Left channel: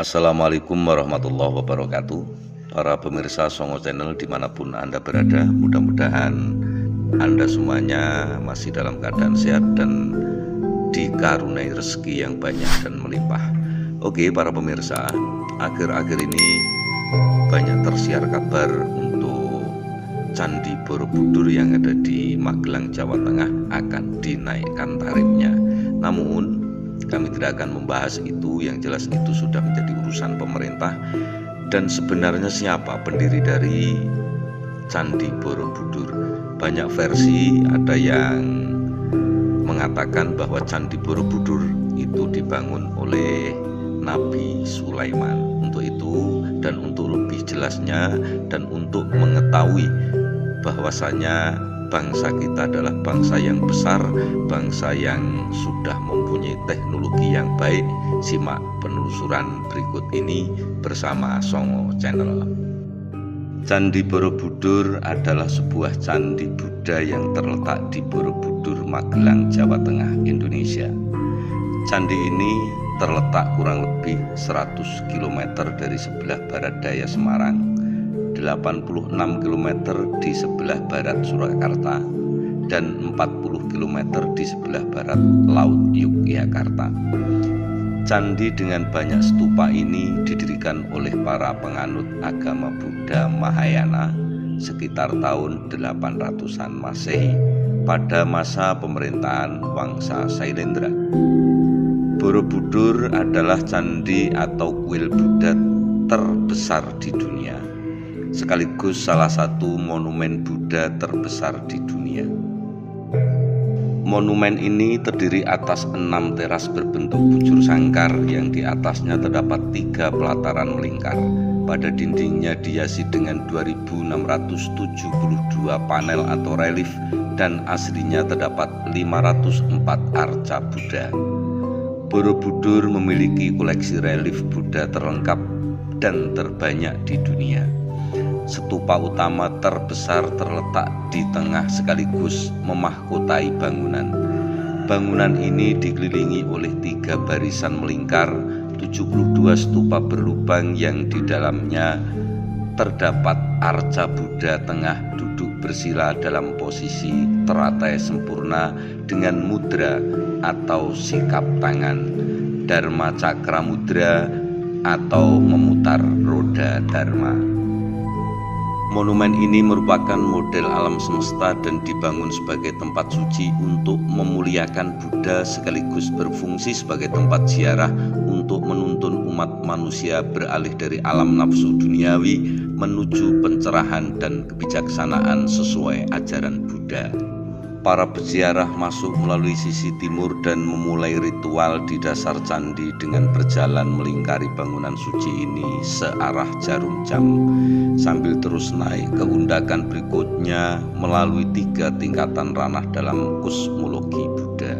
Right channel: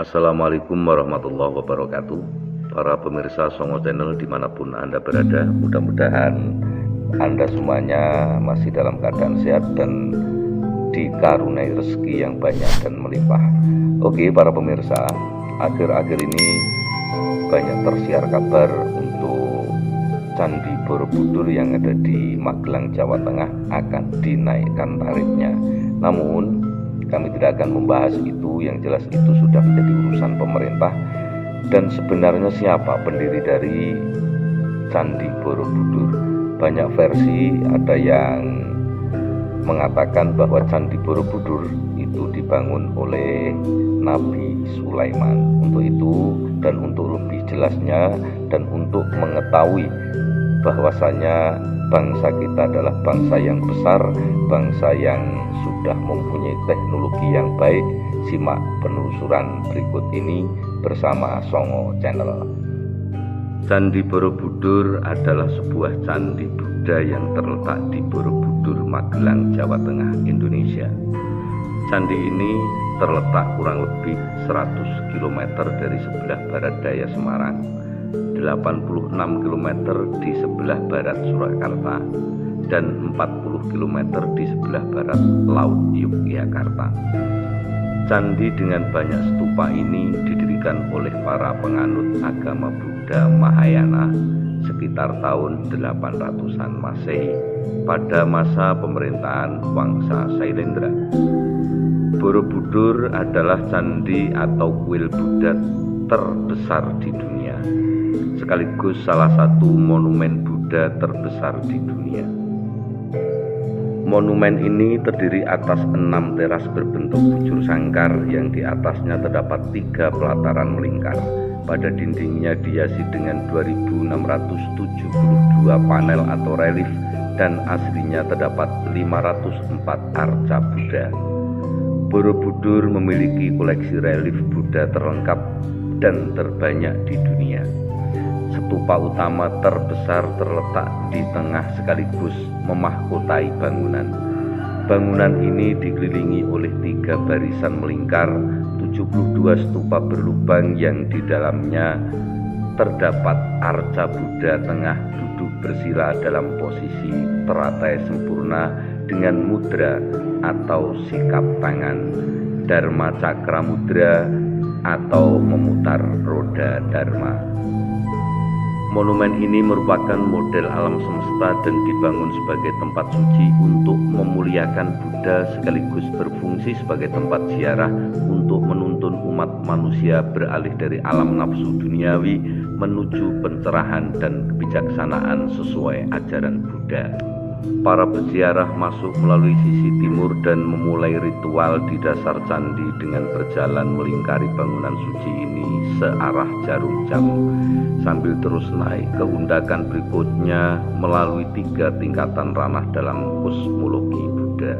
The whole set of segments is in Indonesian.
Assalamualaikum warahmatullahi wabarakatuh. Para pemirsa Songo Channel dimanapun Anda berada, mudah-mudahan Anda semuanya masih dalam keadaan sehat dan dikaruniai rezeki yang banyak dan melimpah. Oke para pemirsa, akhir-akhir ini banyak tersiar kabar untuk Candi Borobudur yang ada di Magelang, Jawa Tengah akan dinaikkan tarifnya. Namun kami tidak akan membahas itu, yang jelas itu sudah menjadi urusan pemerintah. Dan sebenarnya siapa pendiri dari Candi Borobudur? Banyak versi, ada yang mengatakan bahwa Candi Borobudur itu dibangun oleh Nabi Sulaiman. Untuk itu dan untuk lebih jelasnya dan untuk mengetahui bahwasanya bangsa kita adalah bangsa yang besar, bangsa yang sudah mempunyai teknologi yang baik, simak penelusuran berikut ini bersama Songo Channel. Candi Borobudur adalah sebuah candi Buddha yang terletak di Borobudur, Magelang, Jawa Tengah, Indonesia. Candi ini terletak kurang lebih 100 km dari sebelah barat daya Semarang, 86 km di sebelah barat Surakarta, dan 40 km di sebelah barat Laut Yogyakarta. Candi dengan banyak stupa ini didirikan oleh para penganut agama Buddha Mahayana sekitar tahun 800-an Masehi pada masa pemerintahan Wangsa Sailendra. Borobudur adalah candi atau kuil Buddha terbesar di dunia, sekaligus salah satu monumen Buddha terbesar di dunia. Monumen ini terdiri atas 6 teras berbentuk bujur sangkar yang di atasnya terdapat 3 pelataran melingkar. Pada dindingnya dihiasi dengan 2672 panel atau relief dan aslinya terdapat 504 arca Buddha. Borobudur memiliki koleksi relief Buddha terlengkap dan terbanyak di dunia. Stupa utama terbesar terletak di tengah sekaligus memahkotai bangunan. Bangunan ini dikelilingi oleh 3 barisan melingkar, 72 stupa berlubang yang di dalamnya terdapat arca Buddha tengah duduk bersila dalam posisi teratai sempurna dengan mudra atau sikap tangan, Dharma Cakra Mudra atau memutar roda Dharma. Monumen ini merupakan model alam semesta dan dibangun sebagai tempat suci untuk memuliakan Buddha sekaligus berfungsi sebagai tempat ziarah untuk menuntun umat manusia beralih dari alam nafsu duniawi menuju pencerahan dan kebijaksanaan sesuai ajaran Buddha. Para peziarah masuk melalui sisi timur dan memulai ritual di dasar candi dengan berjalan melingkari bangunan suci ini searah jarum jam, sambil terus naik ke undakan berikutnya melalui 3 tingkatan ranah dalam kosmologi Buddha.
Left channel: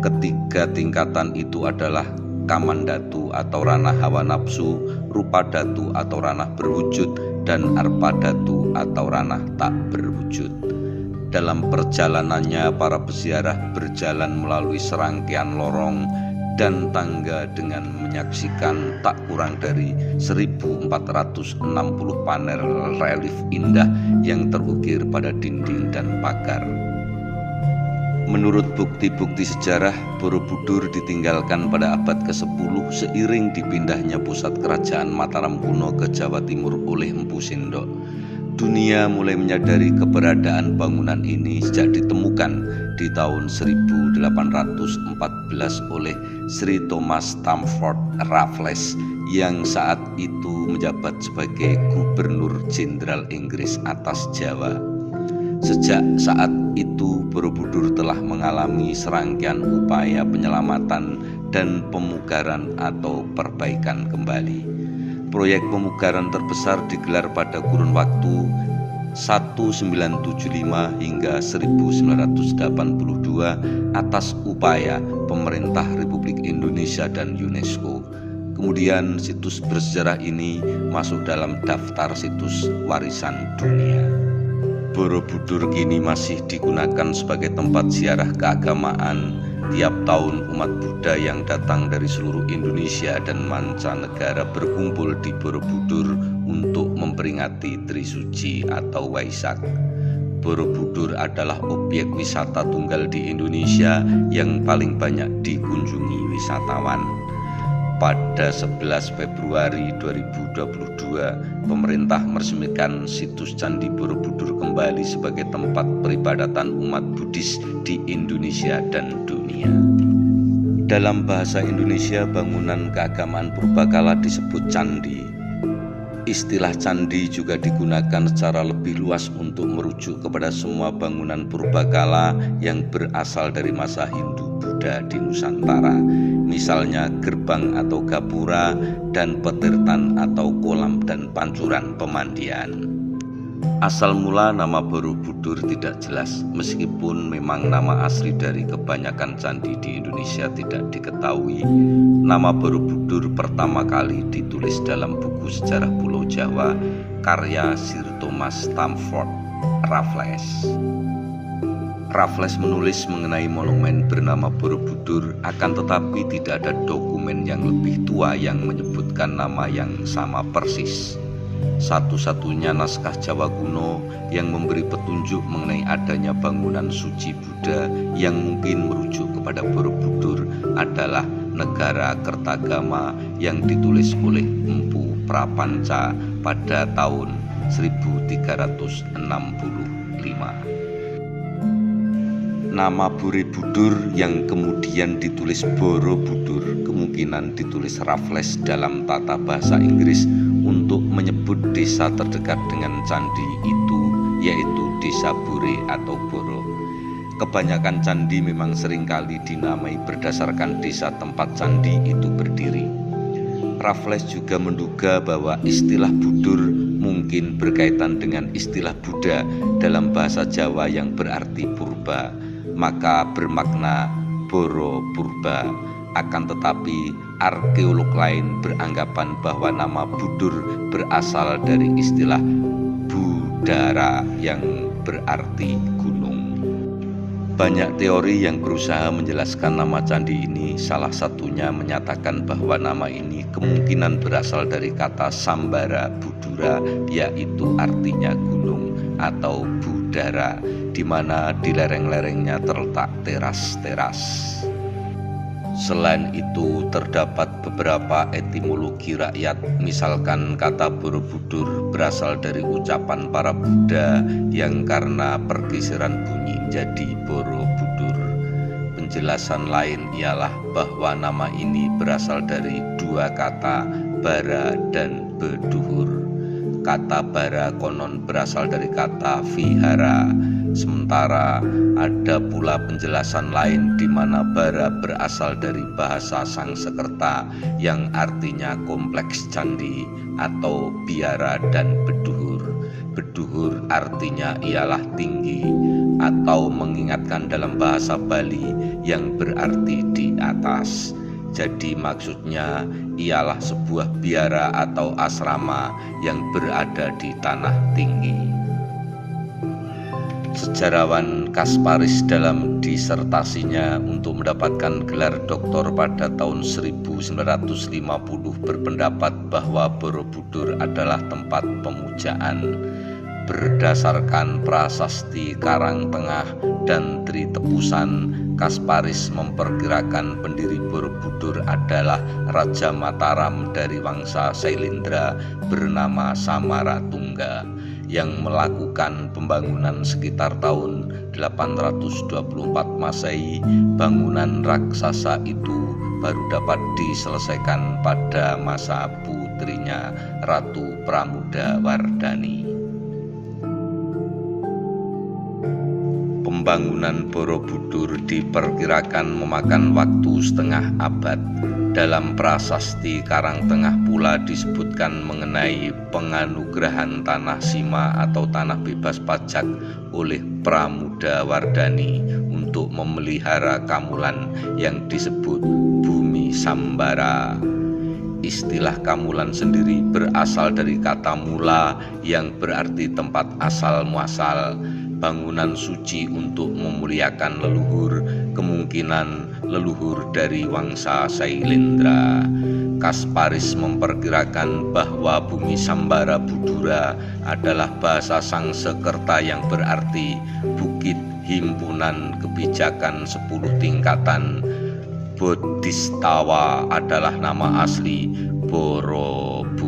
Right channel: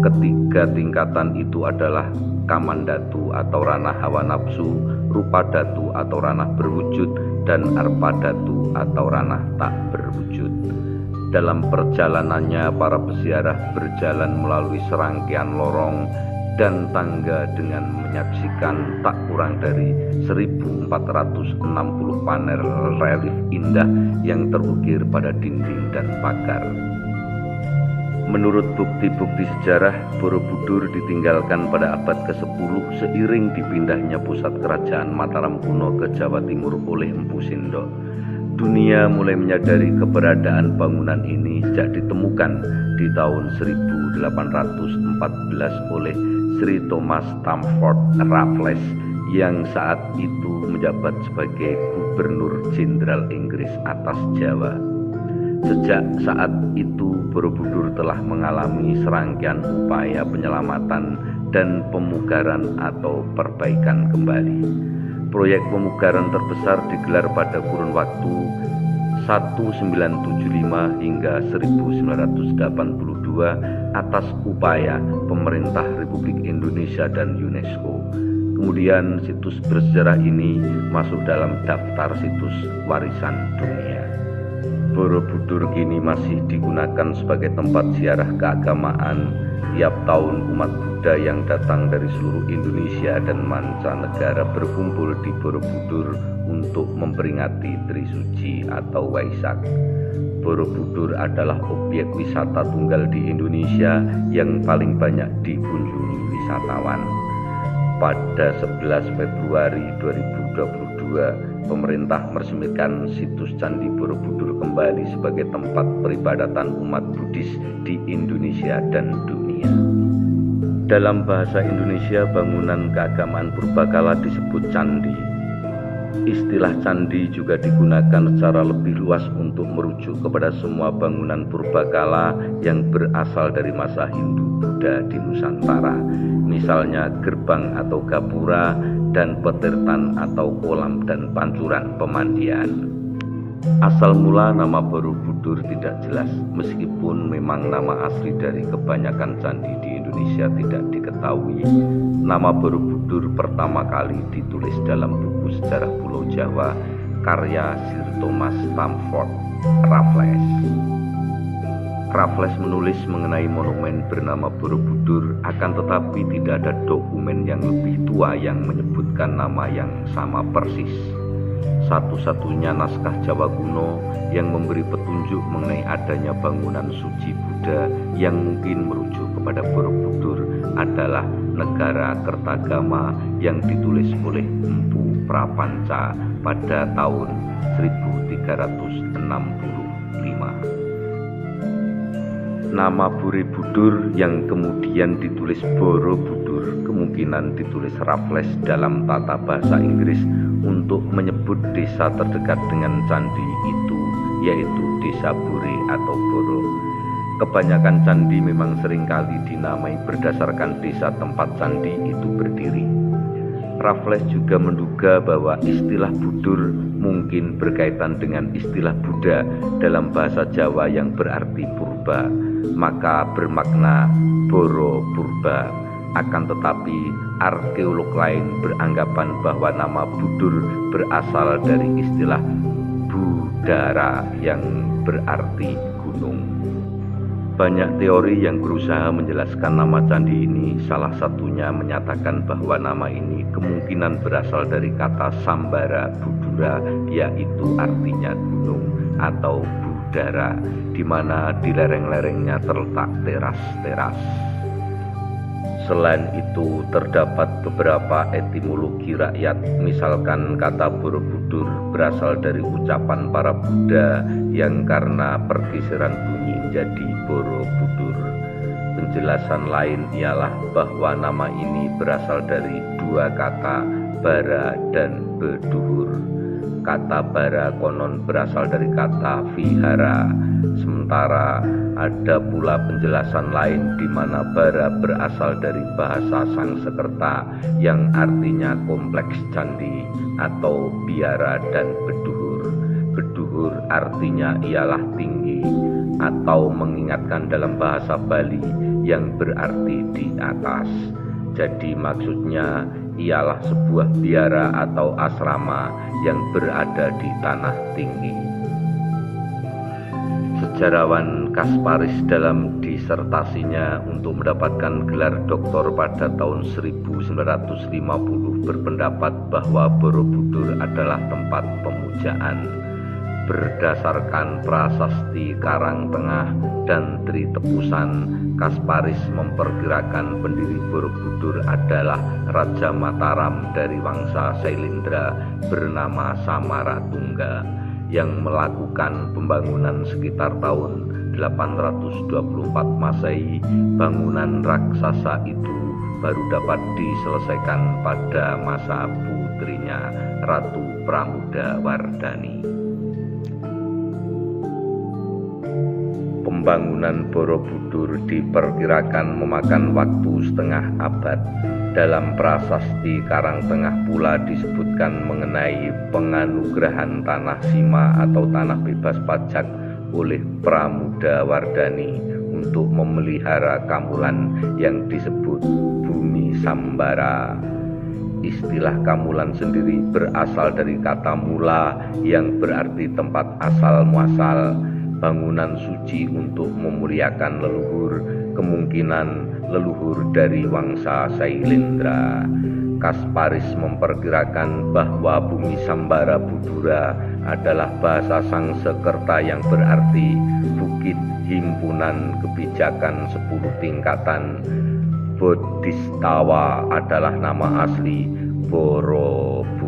Ketiga tingkatan itu adalah Kamandhatu atau ranah hawa nafsu, Rupadhatu atau ranah berwujud, dan Arpadhatu atau ranah tak berwujud. Dalam perjalanannya para peziarah berjalan melalui serangkaian lorong dan tangga dengan menyaksikan tak kurang dari 1460 panel relief indah yang terukir pada dinding dan pagar. Menurut bukti-bukti sejarah, Borobudur ditinggalkan pada abad ke-10 seiring dipindahnya pusat kerajaan Mataram kuno ke Jawa Timur oleh Empu Sindok. Dunia mulai menyadari keberadaan bangunan ini sejak ditemukan di tahun 1814 oleh Sri Thomas Stamford Raffles yang saat itu menjabat sebagai Gubernur Jenderal Inggris atas Jawa. Sejak saat itu Borobudur telah mengalami serangkaian upaya penyelamatan dan pemugaran atau perbaikan kembali. Proyek pemugaran terbesar digelar pada kurun waktu 1975 hingga 1982 atas upaya pemerintah Republik Indonesia dan UNESCO. Kemudian situs bersejarah ini masuk dalam daftar situs warisan dunia. Borobudur kini masih digunakan sebagai tempat ziarah keagamaan Tiap tahun umat Buddha yang datang dari seluruh Indonesia dan mancanegara berkumpul di Borobudur untuk memperingati Trisuci atau Waisak. Borobudur adalah objek wisata tunggal di Indonesia yang paling banyak dikunjungi wisatawan. Pada 11 Februari 2022, pemerintah meresmikan situs Candi Borobudur kembali sebagai tempat peribadatan umat Buddhis di Indonesia dan dunia. Dalam bahasa Indonesia, bangunan keagamaan purbakala disebut candi. Istilah candi juga digunakan secara lebih luas untuk merujuk kepada semua bangunan purbakala yang berasal dari masa Hindu-Buddha di Nusantara, misalnya gerbang atau gapura dan petirtan atau kolam dan pancuran pemandian. Asal mula nama Borobudur tidak jelas, meskipun memang nama asli dari kebanyakan candi di Indonesia tidak diketahui. Nama Borobudur pertama kali ditulis dalam buku sejarah Pulau Jawa karya Sir Thomas Stamford Raffles. Raffles menulis mengenai monumen bernama Borobudur, akan tetapi tidak ada dokumen yang lebih tua yang menyebutkan nama yang sama persis. Satu-satunya naskah Jawa kuno yang memberi petunjuk mengenai adanya bangunan suci Buddha yang mungkin merujuk kepada Borobudur adalah Negara Kertagama yang ditulis oleh Empu Prapanca pada tahun 1365. Nama Borobudur yang kemudian ditulis Borobudur kemungkinan ditulis Raffles dalam tata bahasa Inggris untuk menyebut desa terdekat dengan candi itu, yaitu desa Bore atau Boro. Kebanyakan candi memang seringkali dinamai berdasarkan desa tempat candi itu berdiri. Raffles juga menduga bahwa istilah Budur mungkin berkaitan dengan istilah Buddha dalam bahasa Jawa yang berarti purba, maka bermakna Boro Purba. Akan tetapi arkeolog lain beranggapan bahwa nama Budur berasal dari istilah Budara yang berarti gunung. Banyak teori yang berusaha menjelaskan nama candi ini, salah satunya menyatakan bahwa nama ini kemungkinan berasal dari kata Sambara Budura, yaitu artinya gunung atau budara, di mana di lereng-lerengnya terletak teras-teras. Selain itu, terdapat beberapa etimologi rakyat, misalkan kata Borobudur berasal dari ucapan para Buddha yang karena pergeseran bunyi jadi Borobudur. Penjelasan lain ialah bahwa nama ini berasal dari dua kata, bara dan beduhur. Kata bara konon berasal dari kata vihara, sementara ada pula penjelasan lain di mana bara berasal dari bahasa Sangsekerta yang artinya kompleks candi atau biara, dan beduhur. Beduhur artinya ialah tinggi atau mengingatkan dalam bahasa Bali yang berarti di atas. Jadi maksudnya ialah sebuah biara atau asrama yang berada di tanah tinggi. Sejarawan Kasparis dalam disertasinya untuk mendapatkan gelar doktor pada tahun 1950 berpendapat bahwa Borobudur adalah tempat pemujaan. Berdasarkan prasasti Karangtengah dan Tri Tepusan, Kasparis memperkirakan pendiri Borobudur adalah Raja Mataram dari Wangsa Sailendra bernama Samaratungga yang melakukan pembangunan sekitar tahun 824 Masehi. Bangunan raksasa itu baru dapat diselesaikan pada masa putrinya Ratu Pramodawardhani. Pembangunan Borobudur diperkirakan memakan waktu setengah abad. Dalam prasasti Karangtengah pula disebutkan mengenai penganugerahan tanah sima atau tanah bebas pajak oleh Pramodawardhani untuk memelihara Kamulan yang disebut Bumi Sambara. Istilah Kamulan sendiri berasal dari kata mula yang berarti tempat asal muasal, bangunan suci untuk memuliakan leluhur, kemungkinan leluhur dari Wangsa Sailendra. Kasparis memperkirakan bahwa bumi Sambara Budura adalah bahasa Sangsekerta yang berarti bukit himpunan kebijakan 10 tingkatan. Bodhistawa adalah nama asli Borobudur.